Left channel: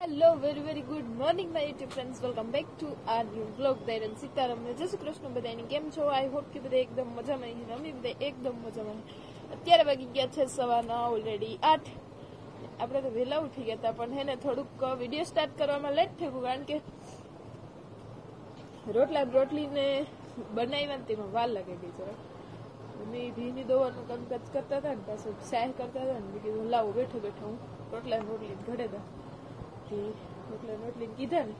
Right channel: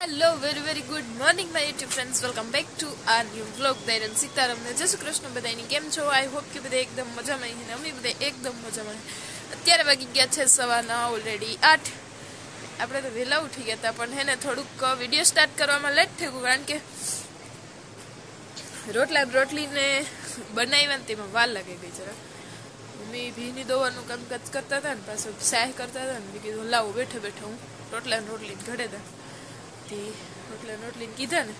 hello very good morning my YouTube friends welcome back to our new vlog दयरन सीताराम ने जय श्री कृष्ण बधाईनी केम छो I hope કે બધા એકદમ મજામાં છે ને અમે બધા એકદમ મજામાં અત્યારે વાગી ગયા છે સવારના ઓલરેડી 8 આપણે તો વહેલા ઉઠી ગયા હતા પણ હે ને થોડુંક વિડિયો સ્ટાર્ટ કરવામાં લેટ થઈ ગયું કારણ કે રોટલીને બનાવવામાં તેમાં વાર લાગી ગઈ જરા મમ્મી ભીની દોવાનું કામકાજ કરતા હતા ને પાછું સાહ કરતા હતા ને કીધું લાવો બેઠે બેઠે હું રોટલી ઘડે દા रोटली कीधा ने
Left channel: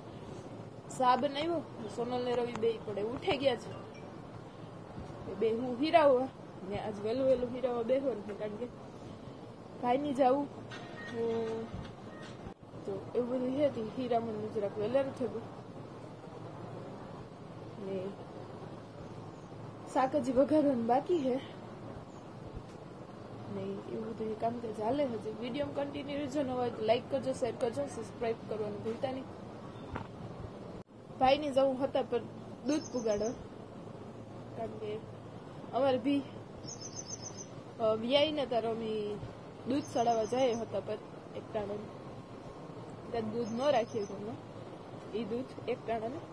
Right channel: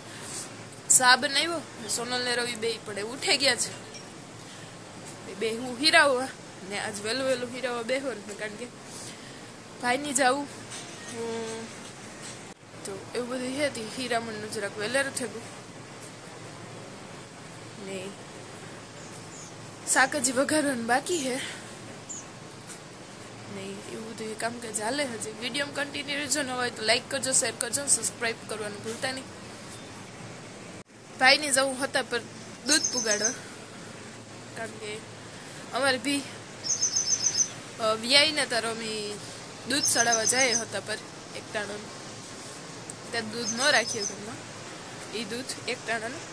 सा बनाव्यो सोनल ने रवि बे पड़े उठे गया छे बे हूँ हीरावा ने आज वेलू वेलू हीरावा बेहो ने कारण के भाई नी जाऊँ तो एवं बधुं हती हीरामण जराक वेलेरू थई गयुं ने शाक हजी वघारवानुं बाकी है नहीं એવું બધું કામકાજ ચાલે હજી વિડીયો કન્ટિન્યુ રહેજો ન હોય તો લાઈક કરજો શેર કરજો સબસ્ક્રાઇબ કરવાનું ભૂલતા નહીં ભાઈને જવું હતા પર દૂધ પુગાડવા કારણ કે અમારે ભી વ્યાઈને તારો અમે દૂધ ચડાવવા જાય હતા પર એક ટાણું ત્યાં દૂધ ન રાખીએ ઘરમાં એ દૂધ એક ટાણાનું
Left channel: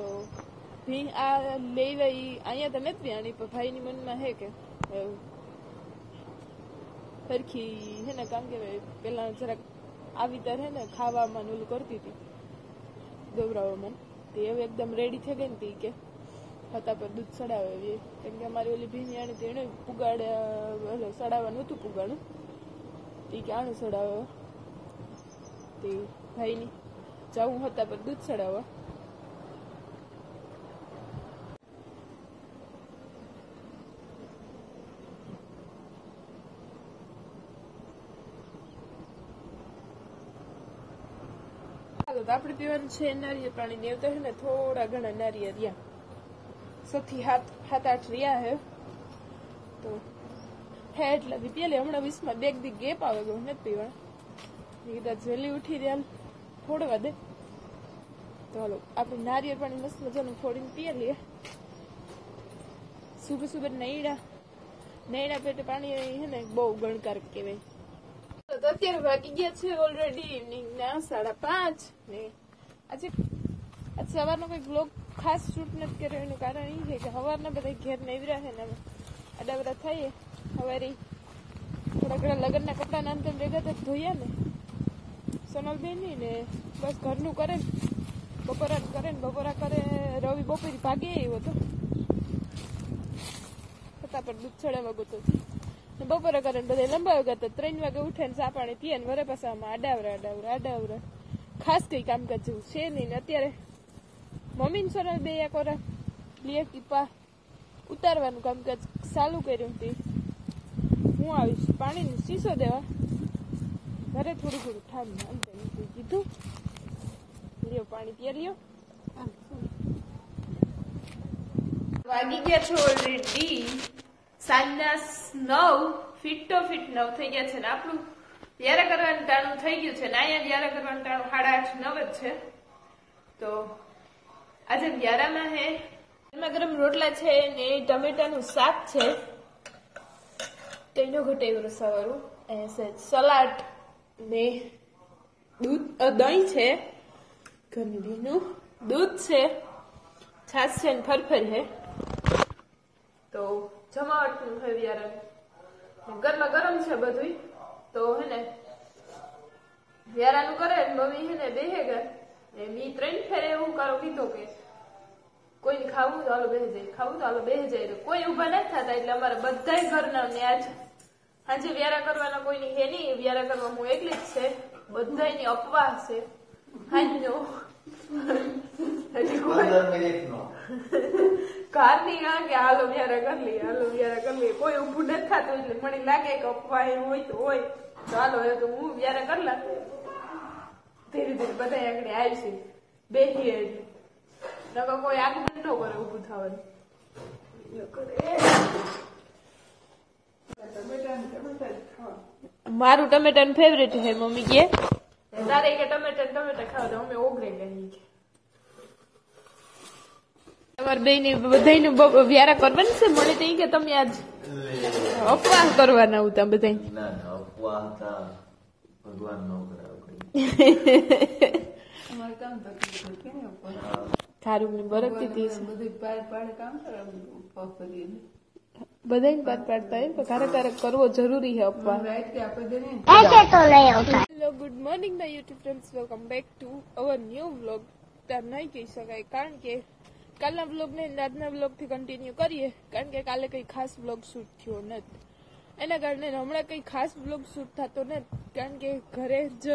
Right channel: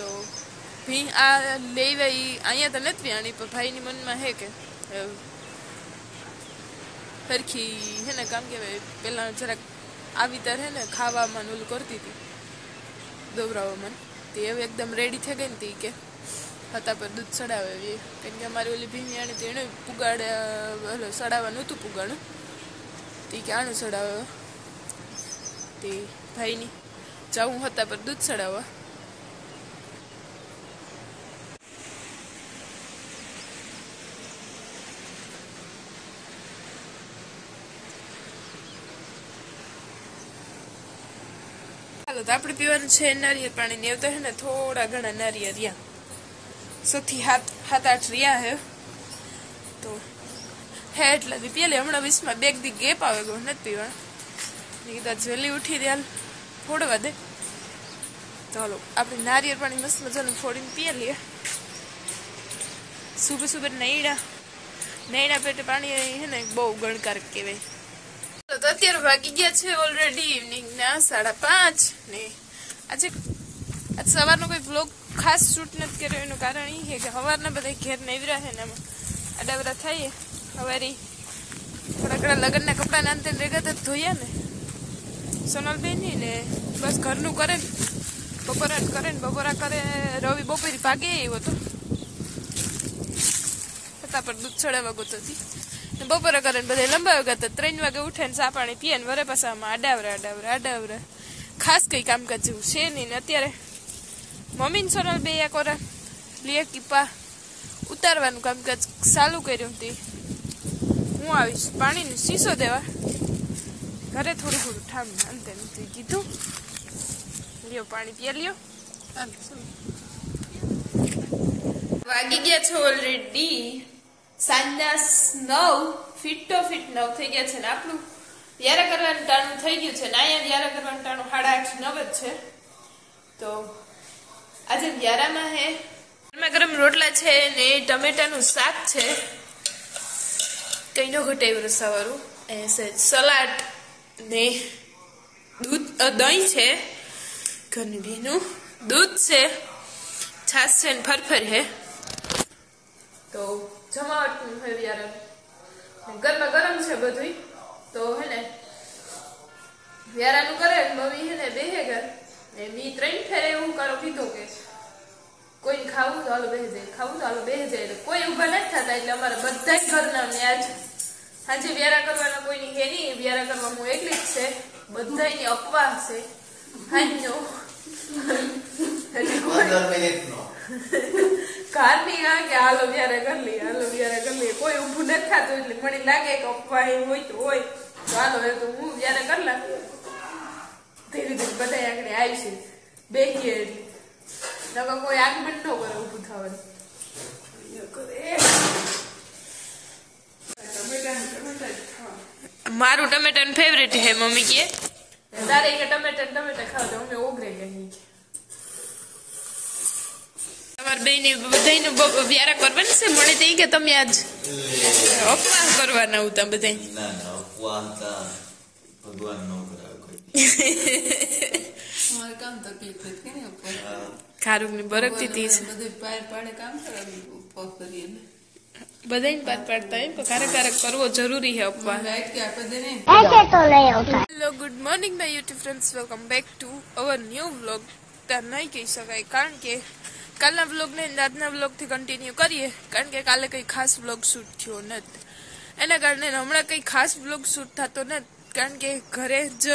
તો ભી આ લેવા અહીંયા તો નથી આણી પણ ભાઈની મનમાં હે કે हरखी है ना काम के पेला जरा आवी तर है ना खावा मन ओलू करती थी दोबरावा मन तो ये एकदम रेडी थे गई थी के हता पर दूध चढ़ावे कारण के अमारी ओली भीनी आनी तेणे पुगाड़ चढ़ावा नतु पुगाड़ ती के आणु चढ़ावे ते भाई नी जाऊँ हता पर दूध चढ़ावा तो आपणे पीवानुं छे नारियल पाणी ने तो है ने थोड़ा घणा नारियल रिया सौथी हाथ आठ रिया है तो है एटला दी पीले हमणा 20 में बेग दी गेप आवे गयो नत पीवा नीदा जल्दी उठी दे फोड़वा दे तो हालो आपणे नारियल पाणी मस्त मजानुं फोड़ीने पी लीए सुबह सुबह नैड़ा पेटे पाणी है ने बहु गणकारक कहेवाय तो अत्यारे वागी गया छे ऑलरेडी इवनिंग ना 5:30 ने आज सवारनो कोई व्लॉग खास शूट नत कर्यो एनुं कारण ई है के सवारना बधा घेर नवरा है ने आडावरा थाय हवारी थोड़ा घणा लगनना कपड़ा नांते रेगा तो धोया ने सोनल बेनी ने बस घरनु करे बपोरा करे रवि बपोरी भागे आव्यो तो फटाफट दूध चढ़ावा गयो थी बपोरे करे बधे लंबावे गया तो 3 वागे उठे चा पाणी पीए वरे पाछा आडावरा खास कई कामकाज जेवुं छे नहीं ने अत्यारे मम्मी ने सोनल बे कोरा लिए कीपा उतारवानुं कामकाज चालू कर्युं हती हूँ आवीश पाणीनो शीशो देवा घरे थोड़ું ठाम अंते नथी कीधुं लियो पाणी पी लियो वागी गया छे ऑलरेडी सांजना 9 ફીટ 9 થઈ ગયા છે ને આપણું વ્યારા કરવાનું ટાણું થઈ ગયું છે ને અહીંયા વ્યારા કરવાનું ટાણું 8:30 9 જ છે તો આજે વ્યારામાં હે ગરમા ગરમ રોટલા છે ને ટમેટાનું શાક છે કઈનો ઘટાયું રસાવાળું એ સલાડ ને દૂધ દહીં છે ઘરની ભીનું દૂધ છે છાશ છે ને ફરફર है तो जमावट है यार गरमा गरम है बधुई तो है ने व्यारानु करे मम्मी है ने बेहेगा मी 3 फेरे एवं करो कीधो के कोई खावू तो हालो बेहे जाए कोई उभा नहीं थता એટલે અમારા બધાય ઘરના ને આજ આજે વ્યારા કરવાના કોઈની હે નહીં વ્યારા કરવા હું એકલી જ છે બધાયની અપવાહ છે હાંજો એટલે કોઈ 15 મિનિટનો कार नहीं आ के हालो व्यारा कर ली कोई ऊभू न थातो એટલે મને લાગે કે અપવાહ હોય તો હાલો એ તો હું વ્યારા કરલા ધીરે ધીરે બધા આગળ આવશે બેહી એટલે નકો કોઈ આગમન ન કરે ઊભું થવાનું મારું ટમેટાનું ફેવરેટ હે મમ્મી કે તારે કે ટમેટા ખાવ તો અમે ઓગરે ગઈ તમાર બેને બધાયને વ્યારા કરવાની છે મને તો કે તમે આજ અપવાહ કરવાના હતા બધાય ના અપવાહ હતા ભગવાન નો કરાવે કોઈ અમારે કામ તકલીફ હતી ને ઉપર ખારુકની બરકતી તી છે બધું પાર પાડે કામ કરે ઉપવાસ કરીએ ને બધાને પાર પાડતા હોય પણ ક્યારેક કરવો જરૂરી છે ઉપવાસ લાઈટ કે આપે દે ને hello good morning my YouTube friends welcome back to our new vlog ત્યાં નહીં કહી શકાય કારણ કે કાલના વ્લોગને આજના વ્લોગથી કન્ટિન્યુ કરીએ કારણ કે કાલે કંઈ ખાસ વ્લોગ શૂટ થયો નથી એના કારણે હમણાં કંઈ ખાસ વ્લોગ શૂટ થતો નથી કારણ કે ઘરે જ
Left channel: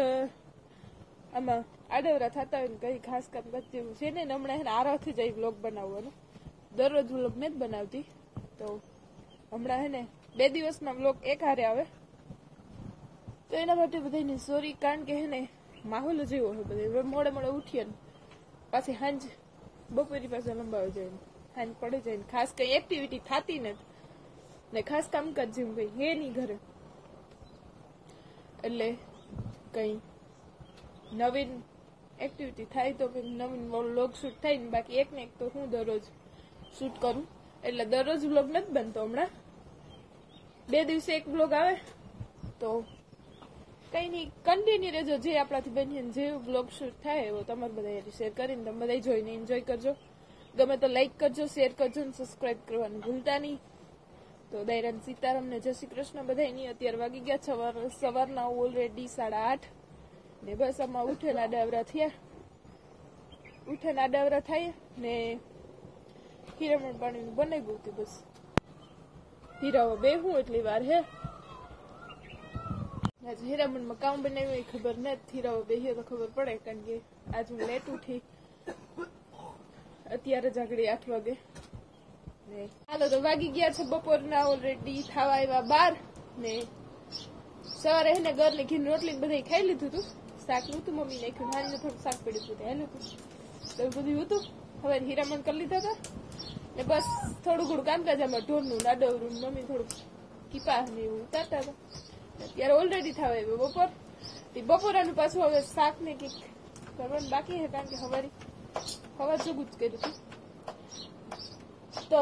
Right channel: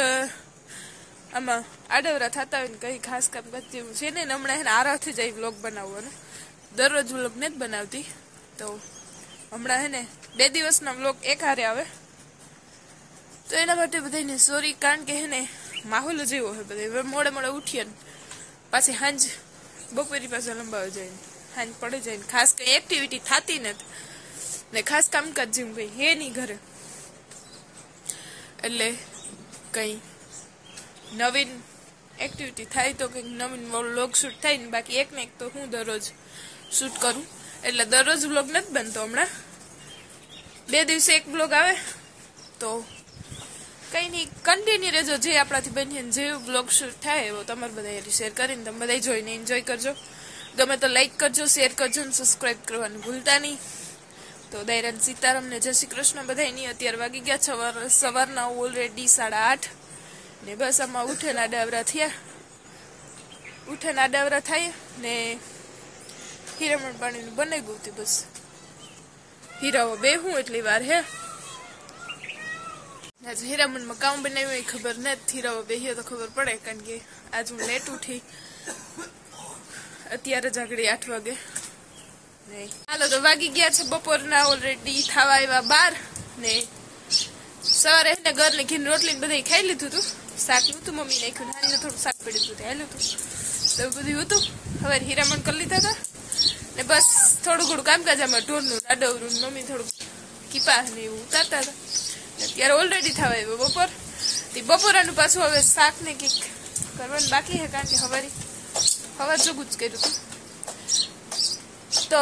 આમાં આડવરા થતા હોય ને કંઈ ખાસ કામ કરતી એવું છે ને હમણાં એને આરામથી જઈ વ્લોગ બનાવવાનો દરરોજ વ્લોગ નથી બનાવતી તો હમણાં હે ને 2 દિવસના વ્લોગ એક હારે આવે તો એના માટે બધાને સોરી કારણ કે હે ને માહોલ જ એવો હોય બધા હવે મોડે ઉઠીએ ને પાછી હાંજ બપોરી પાસે લંબાવી જાય હાંજ પડે જાય ને ખાસ કંઈ એક્ટિવિટી થતી નથી ને ખાસ કામકાજ જેવું કંઈ હે નહીં ઘરે એટલે કંઈ નવીન એક્ટિવિટી થાય તો કંઈક નવીન વ્લોગ શૂટ થાય ને બાકી એક ને એક તો હું દરરોજ શૂટ કરું એટલે દરરોજ વ્લોગ નથી બનતો હમણાં 2 દિવસે એક વ્લોગ આવે તો કંઈ નહીં કન્ટિન્યુ રહેજો જે આપણાથી બનીએ જે વ્લોગ શૂટ થાય એવો તમારે બધા શેર કરીને તમે બધા જોઈને એન્જોય કરજો ગમે તો લાઈક કરજો શેર કરજો અને સબસ્ક્રાઈબ કરવાનું ભૂલતા નહીં તો દૈરાન સીતારામને જય શ્રી કૃષ્ણ બધાની અત્યારે વાગી ગયા સવારના ઓલરેડી 8:30 ને બસ આમાં ઉઠે આડાવરા થાય ને હીરામણ પાણીનું બનાવી ગયું હતું બસ હીરાઓ બેહું એટલી વાર હે આજે હીરામણમાં કામ બનાવ્યું એ ખબર નથી હીરાઓ બેહીએ તો ખબર પડે કારણ કે આજ હું લેટ ઉઠી અત્યારે જ આગળ 8 વાગે હાલો તો વાગી ગયા છે બપોરના ઓલરેડી થવા આવ્યા 12 ને સવારે એને ઘરની ઘીન રોટલી બધા ખાઈ લીધું હતું શાક નહોતું મમ્મી નાખ્યું નાની થોડું શાક પડ્યું હતું હાલ્યું હતું તો બધું હતું હવે હીરામણ કરી લીધા હતા ને બસ થોડું ઘણું કામકાજ આમાં ઢોરનું આડવરું મમ્મી થોડુંક કીપા ને એવું ઉતારતા હતા અત્યારે ઓલરેડી થવા આવ્યો બપોરાનું પાછું હવે શાક ને કંઈક કરવાનું બાકી છે કારણ કે હવા જોગું જ કર્યું હતું તો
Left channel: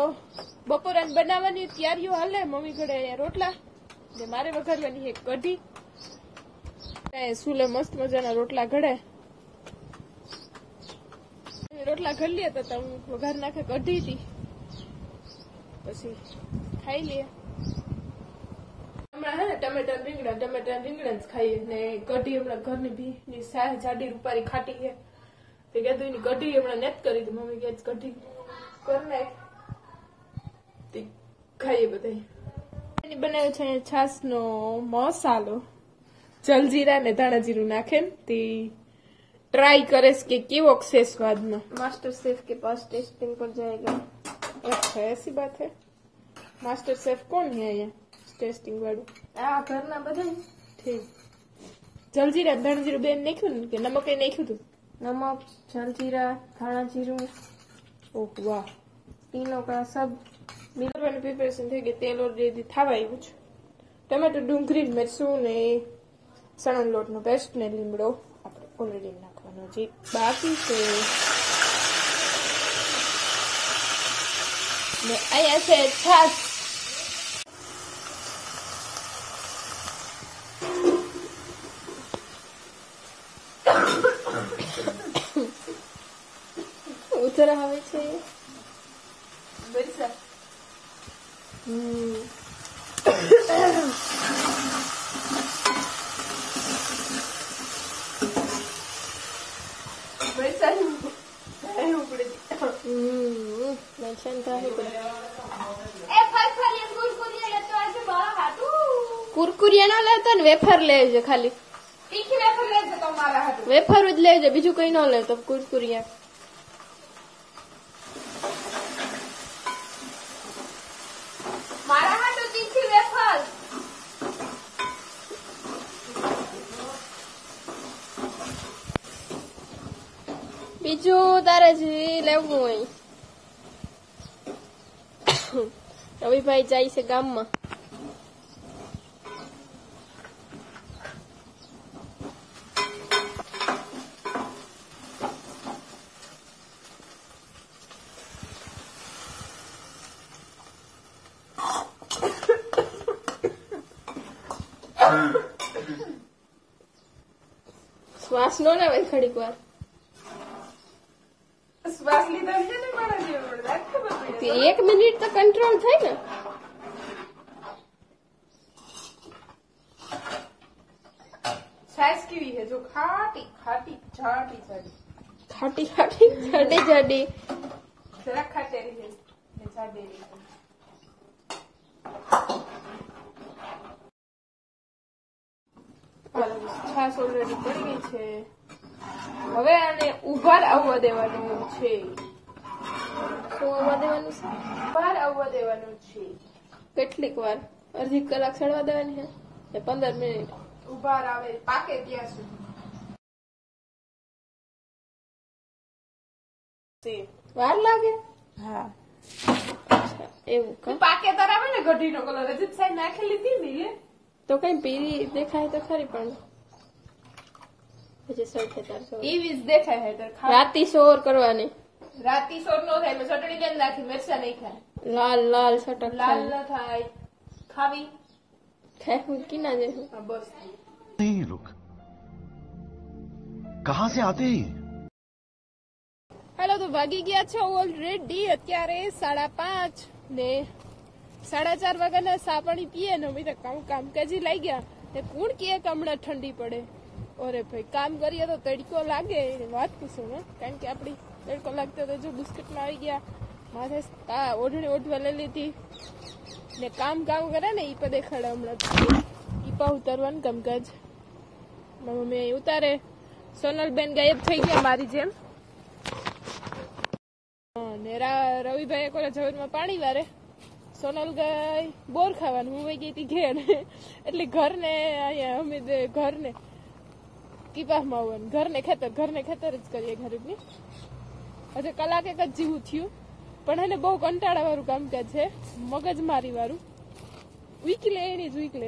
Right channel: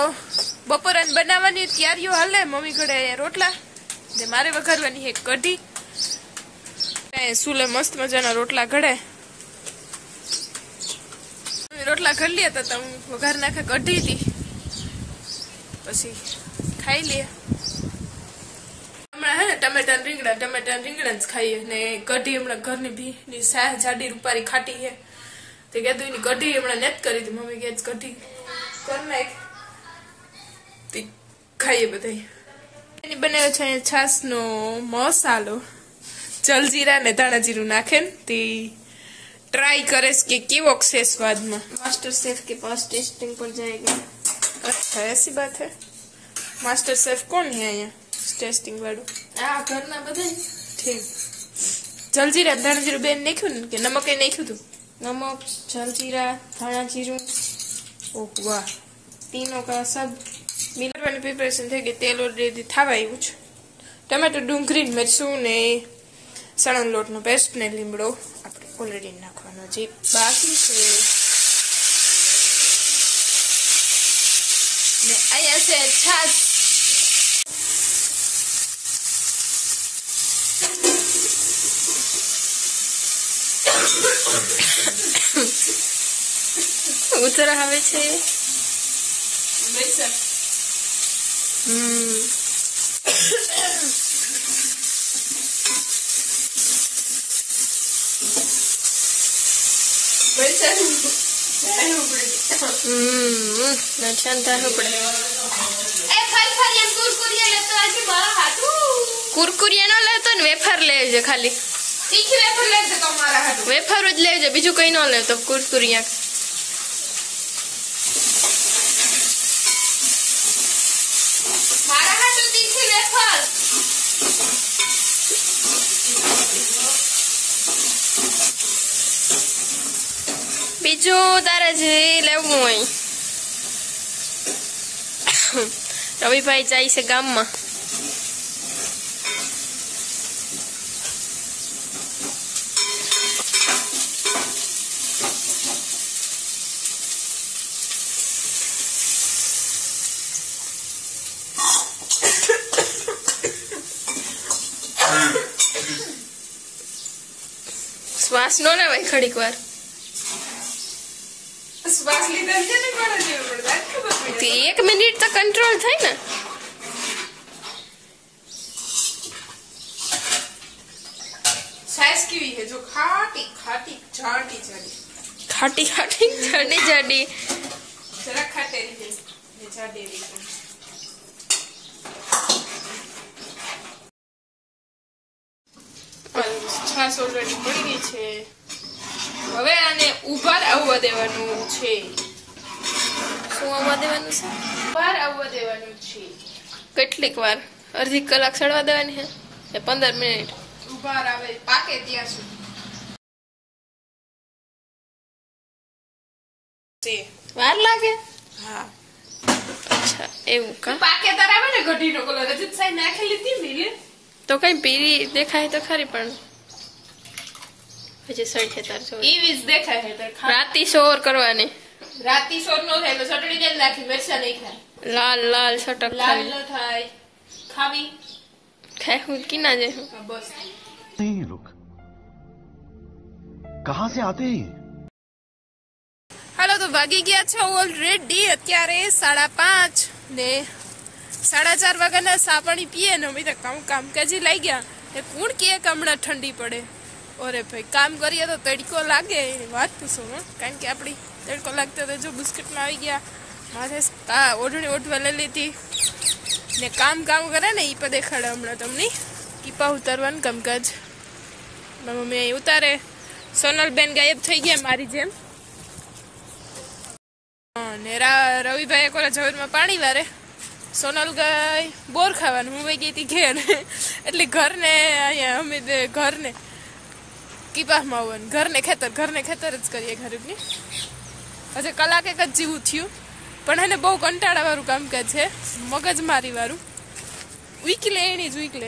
બપોરાને બનાવવાની તૈયારીઓ હાલે મમ્મી ઘરે રોટલા ને મારે વઘારવાની છે કઢી સુલે મસ્ત મજાના રોટલા ઘડે રોટલા ઘડી લે તો હું વઘાર નાખે કઢી હતી પછી ખાઈ લે હમણાં હે ને ટમેટા રીંગણા જ ખાઈએ ને કઢી હમણાં ઘરની ભીની જાડી રૂપારી ખાટી છે તે કીધું એની કઢી હમણાં નેત કરી હતી મમ્મી કે કઢી કર નાખ ખાઈએ બધા એની બનાવ્યો છે છાસનો મસાલો જલજીરા ને ધાણા જીરું નાખે ને તે ट्राई करे कि केवो से स्वाद में मास्टर शेफ के पास टेस्टिंग पर जाएगा अच्छा ऐसी बात है मास्टर शेफ कौन है यहाँ टेस्टिंग वालों घरना बधाई ठीक जलजीरा धाणा जीરું બેન નાખ્યું ને કે નમક એ નાખ્યું હતું नमक जलजीरा धाना जीरू ओह वाह तीनों का सब मिलावવાની પ્રિપેરેશન થઈ ગઈ તેલ ઓલરેડી થવા આવ્યું છે ટમેટો ડુંગળી મરચું ને સણન લોટનો પેસ્ટ ને લીમડો આપણે ઓલરેડી નાખવાનો જે બાકી છે ને અહીંયા છે છાશ ઉતરા આવે છે બેસા कुरकुरिया ना लेतो ने वेफर लेजे खाली तीखी वेफर लेजे તમારા હાટુ वेफर જ લેજો બીજું કઈ ન લેતો कुरकुरिया મારા હાટુ तीखी वेफर બીજું તારે જે લેવું હોય રવિભાઈ જાય છે ગામમાં શ્વાસ નો લેવાય ઘડીક વાર શ્વાસ લીધા છે ને કોણ જેવું પડે ખબર તે 1 મિનિટ તો કંટ્રોલ થાય ને સાઈઝ કેવી છે જો ખાટી ખાટી જાડી જાડી ખાટી ખાટી જાડી જાડી જરા ખાટેરી છે ને જાડેરી છે છાસ ઓલરેડી પડી ગઈ છે હવે આને ઉભાર આવવા દેવાનું છે શું આવવા દેવાનું છે ઉભાર આવવા દેવાનું છે કેટલીક વાર અડધી કલાક સડવા દેવાની છે એ 15 મિનિટ ઉભાર આવે પાકે ત્યાં સુધી વાર લાગે હા અચ્છા એવું કા પાકે તાર આવે ને ગઢીનો કલર રજત સાઈ નાખેલી હતી ને તો કઈ પીરી દેખાય તો ખરી પણ હજી સડે તાર જો ઈ વીસ દેખાય છે તાર રાતી સોર કરવાની રાતી સોર નો થાય ચટણી ને નાખી મરચા નહીં ખાય લાલ લાલ સટક લાલ ન થાય ખાવી ખાય હું કીના જે હા, બસ नहीं रुक कहां से आते हैं હાલો તો વાગી ગયા છે ઓલરેડી અત્યારે 5:30 ને 4:30 વાગ્યાના સા પાણી પીએ ને અમે તો કામકાજી લઈ ગયા એ કોણ કે હમણાં ઠંડી પડે ઓરે ભાઈ કામ કરીએ તો તડકો લાગે એની વાત પૂછો કારણ કે આપણી તડકો લાગતો તો જો બિસ્કિટમાં આવી ગયા માથે ઓઢણી ઓઢવા લઈ લીધી ને કામ કરે ને એ પણ દેખાડે હમણાં તમને કીપા ઉતારવાનું કામકાજ મમ્મી અહીં ઉતારે સોનલબેન ગાયબ થઈ ગયા મારી જેમ ને રવિભાઈ એક વાર ઝવેરમાં પાણી વારે સોનલ ગઈ બોર ખાવાનું હું વહી ગઈ હતી ઘેર એટલે ઘરને અહીંયા અમે ઘરને કીપામાં આવવાનું ઘરને ખેતર જ કરીએ ગરીબની હજી કલાક એક જ જેવું થયું પણ એને બહુ કંટાળાવાળું કામકાજ છે મગજમારી વાળું વીકલે એની જ વીકલે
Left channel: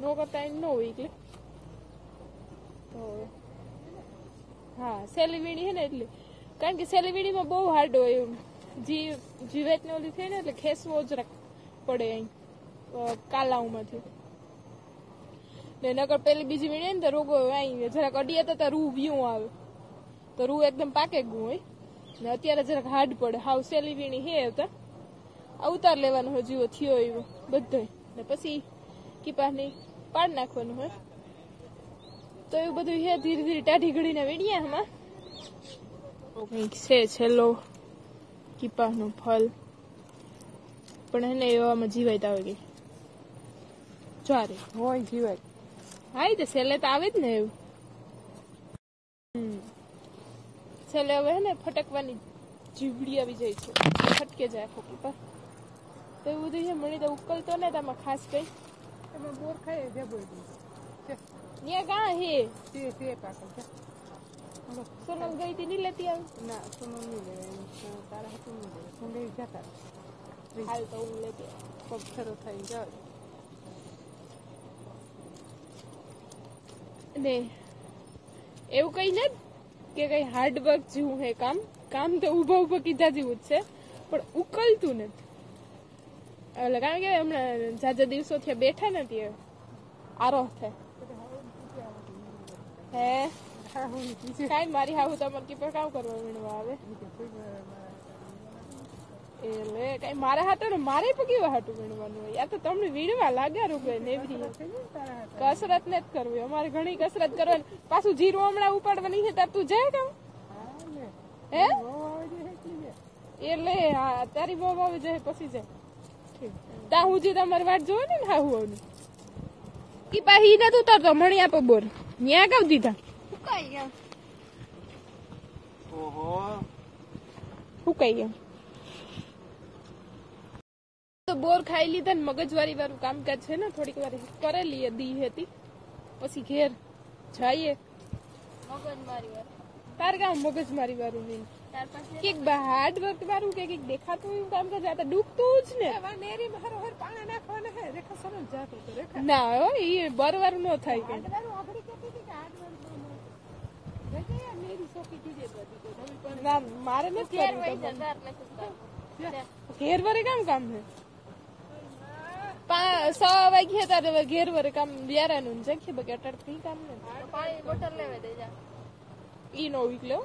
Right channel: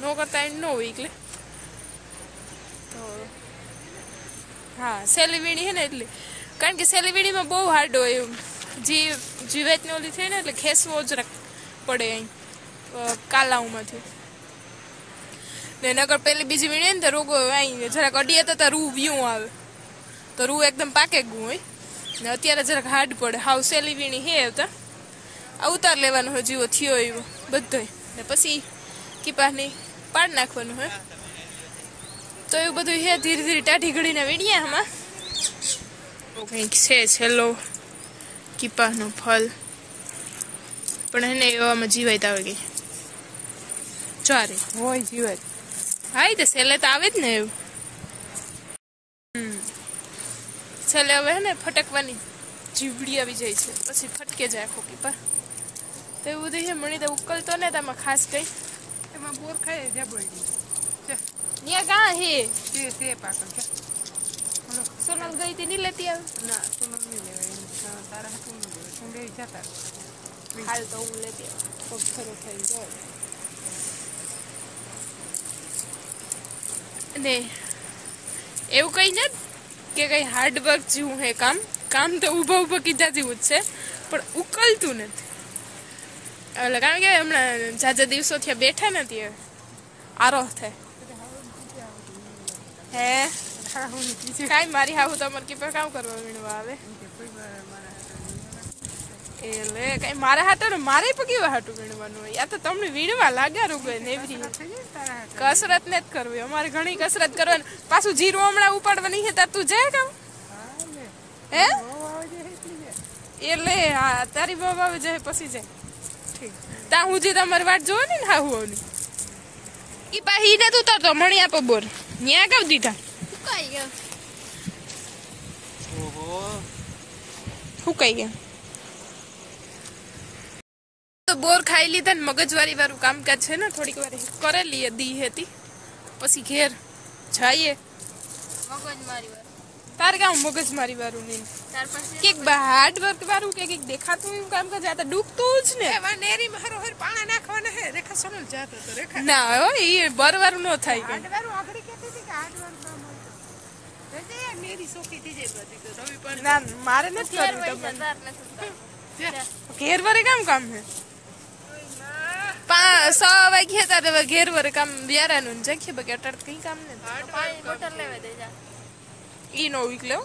નો કરતા એની નો વીકલે તો હા સેલી વીણી છે ને એટલે કારણ કે સેલી વીણીમાં બહુ હાર્ડ હોય એવું જીવેતને ઓલી થઈ ને એટલે ખેસવો જ પડે અહીં કાલાઉમાંથી ને નગર પેલી બીજી વીણીએ ને તો રોગો અહીં જરાક અડીએ તો રૂ વ્યૂ આવે તો રૂ એકદમ પાકે ગયું હોય ને અત્યારે જરાક હાર્ડ પડે હાવ સેલી વીણી હે આવતા આ ઉતાર લેવાનું હોય જીવો થયો એવો બધો ને પછી કીપાની પાડ નાખવાનું હોય તો એવું બધું હે ધીરે ધીરે ટાઢી ઘડીને વીણીએ આમાં કંઈક છે છેલ્લો કીપાનું ફળ પણ એને એવામાં જીવાય આવે ગઈ ચારે હોય જીવાય હા તો છેલ્લે તો આવે જ ને એવું છેલ્લે હવે હે ને ફટકવાની જીવડી આવી જાય છે પછી ફટકે જાય આખો કીપા તો એવું બધું છે મણી તો ઉકલતો ને તામાં ખાસ કઈ એમાં બોર ખાય જબરડી ત્યાં કાં હે તે પાકલ છે સોનલ ગઈ હતી નહીં લેતી આવે ના સોનલ નહીં લેવાય તારા હાથું નહીં લેવાય તું લેવી જતા હાલ તો હું લેતી આવે પગ ખરો થઈ જાય ને એવું કઈ ને કે કઈ હાર્ડવર્ક જેવું હે કામ તો ઊભા કીધા જેવું જ છે પણ ઉકલતું નથી એટલે કારણ કે હમણાં જાજા દિવસો થયા બેઠા નથી હવે આરો થાય હે કાંઈ મારી હાહુ તમારે કીપર કામ કરવા વીણવા આવે એટલે કઈ મારા હાટો ને મારે પણ કેવા હાટું વીણવાનું હોય યા તો તમને વીણવા લાગ્યા રૂગો નેવરી કસરત ને જ કરવી અમારે ઘણી કસરત કરવાની પાછું જીરું હમણાં ઉપાડવાની છે તાર તું જાય કામ હે એટલે હા તારી બાબા આવે જાય પછી જાય ઠીક ત્યાં હું જે તમારી વાટ જોવાની ને હાહુ ની ઈ પાહી ને તું તો મણી આપો બોર ન્યા કાવ દીધા સુકાઈ ગયા સુકાઈ ગયા તો બોર ખાઈ લીધા ને મગજવારી વાળું કામકાજ છે ને થોડીક વાર કરેલી દી હતી પછી ઘેર જઈએ મગજ મારી વાર તાર કામ મગજમારી વાળું નહીં તાર પાસે કેક હાર્ડ વર્ક વાળું કે કઈક દેખાતું એવું કામકાજ આ તો ડૂબતું જ ને એવા નેરી માં હરો હર પાણા નાખવાના હે રેખા સોનલ જાતો તો રેખા ના હો એ બરવારું ન થાય કઈ હાડવારું આખડી કહેતી હતી કે હાડવારું કામ હોય રેજે યાર નેરી સોખી થઈ જાય બધી તો રવિ પણ ના મારે નથી ઘેર કરવું વઈ તમને જતા ઘેર વરે કામ છે 6 વાગ્યા તારે ઘેર વરે કામ વ્યારાનું જખી બકે અટડ કઈ કામ ને પાણી બોટલ લેવા દે જા ઈ નો વીકલે